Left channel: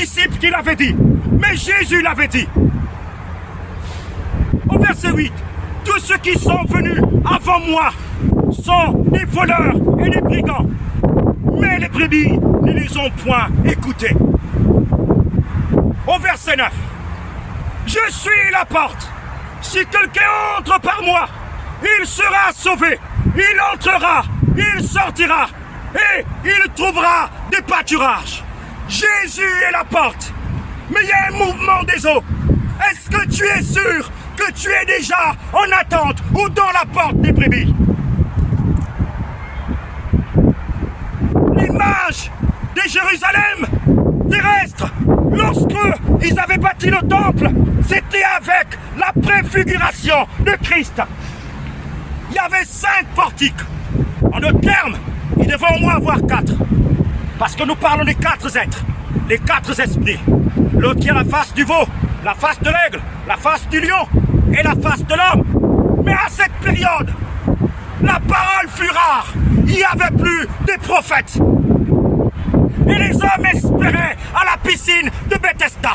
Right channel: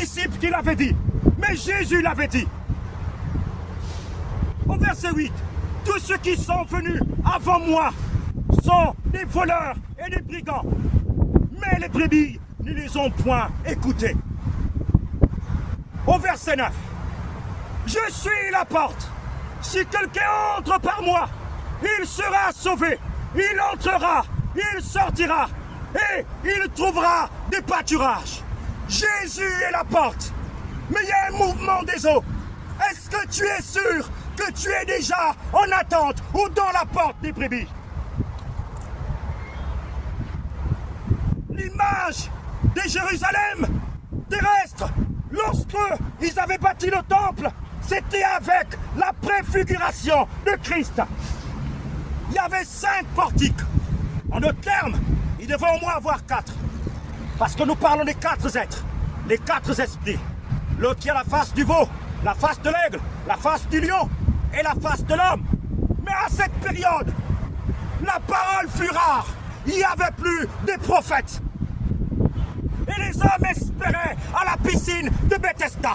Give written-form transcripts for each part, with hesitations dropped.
disciples qui l'avaient dit, mais Jésus l'avait dit. Au verset 8, tous ceux qui sont venus avant moi sont des voleurs et des brigands, mais les brebis ne les ont point écoutés. Au verset 9, je suis la porte. Si quelqu'un entre par moi, il sera sauvé. Il entrera, il sortira et il trouvera des pâturages. Jésus est la porte. Mais il y a un mouvement des eaux. Est-ce que tu es sûr que tu es déjà en attente ou dans la porte des brebis? L'image de Jérusalem terrestre, lorsque ils avaient bâti le temple, c'était avec la préfiguration de Christ. Il y avait 5 portiques. En d'autres termes, il devait au moins avoir 4. Parce que nous parlons des 4 êtres, les 4 esprits. L'autre qui a la face du veau, la face de l'aigle, la face du lion et la face de l'homme. Mais à cette période, la parole fut rare. Il n'y avait plus des prophètes. Et les hommes espéraient à la piscine de Bethesda.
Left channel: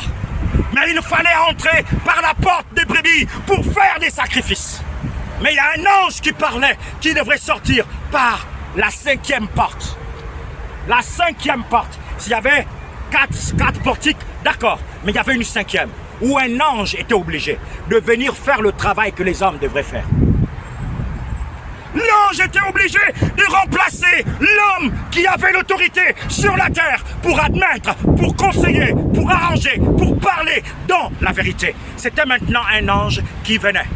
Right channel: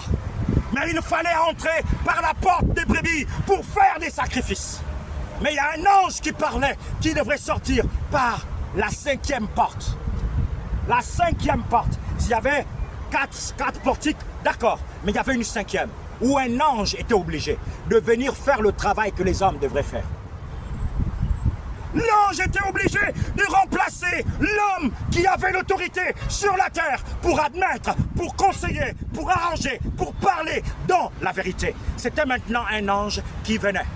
Mais il fallait entrer par la porte des brebis pour faire des sacrifices. Mais il y a un ange qui parlait, qui devrait sortir par la 5e porte. La 5e porte. S'il y avait 4 portiques, d'accord. Mais il y avait une 5e, où un ange était obligé de venir faire le travail que les hommes devraient faire. L'ange était obligé de remplacer l'homme qui avait l'autorité sur la terre pour admettre, pour conseiller, pour arranger, pour parler dans la vérité. C'était maintenant un ange qui venait.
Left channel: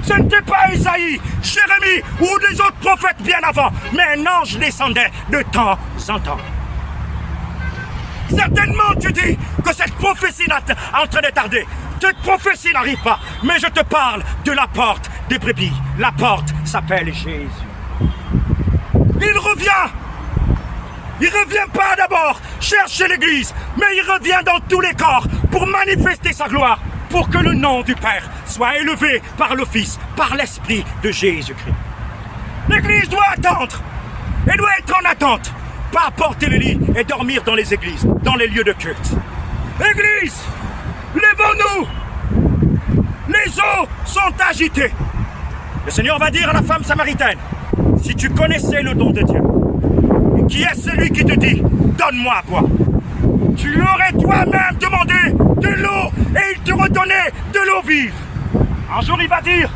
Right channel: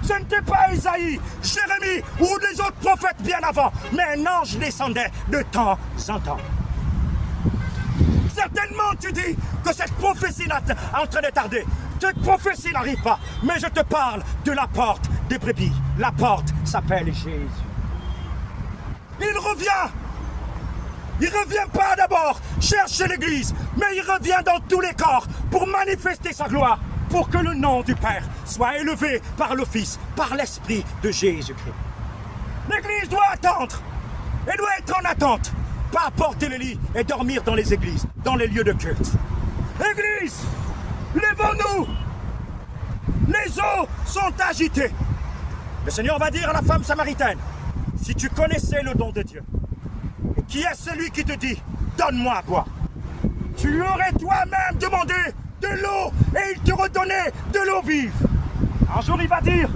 Ce n'était pas Isaïe, Jérémie ou des autres prophètes bien avant, mais un ange descendait de temps en temps. Certainement tu dis que cette prophétie est en train de tarder. Cette prophétie n'arrive pas, mais je te parle de la porte des brebis. La porte s'appelle Jésus. Il revient. Il ne revient pas d'abord chercher l'église, mais il revient dans tous les corps pour manifester sa gloire, pour que le nom du Père soit élevé par le Fils, par l'Esprit de Jésus-Christ. L'église doit attendre. Elle doit être en attente. Pas porter le lit et dormir dans les églises, dans les lieux de culte. Église, lèvons-nous. Les eaux sont agitées. Le Seigneur va dire à la femme samaritaine, si tu connaissais le don de Dieu, et qui est celui qui te dit, donne-moi à boire, tu lui aurais toi-même demandé de l'eau et il te redonnait de l'eau vive. Un jour il va dire,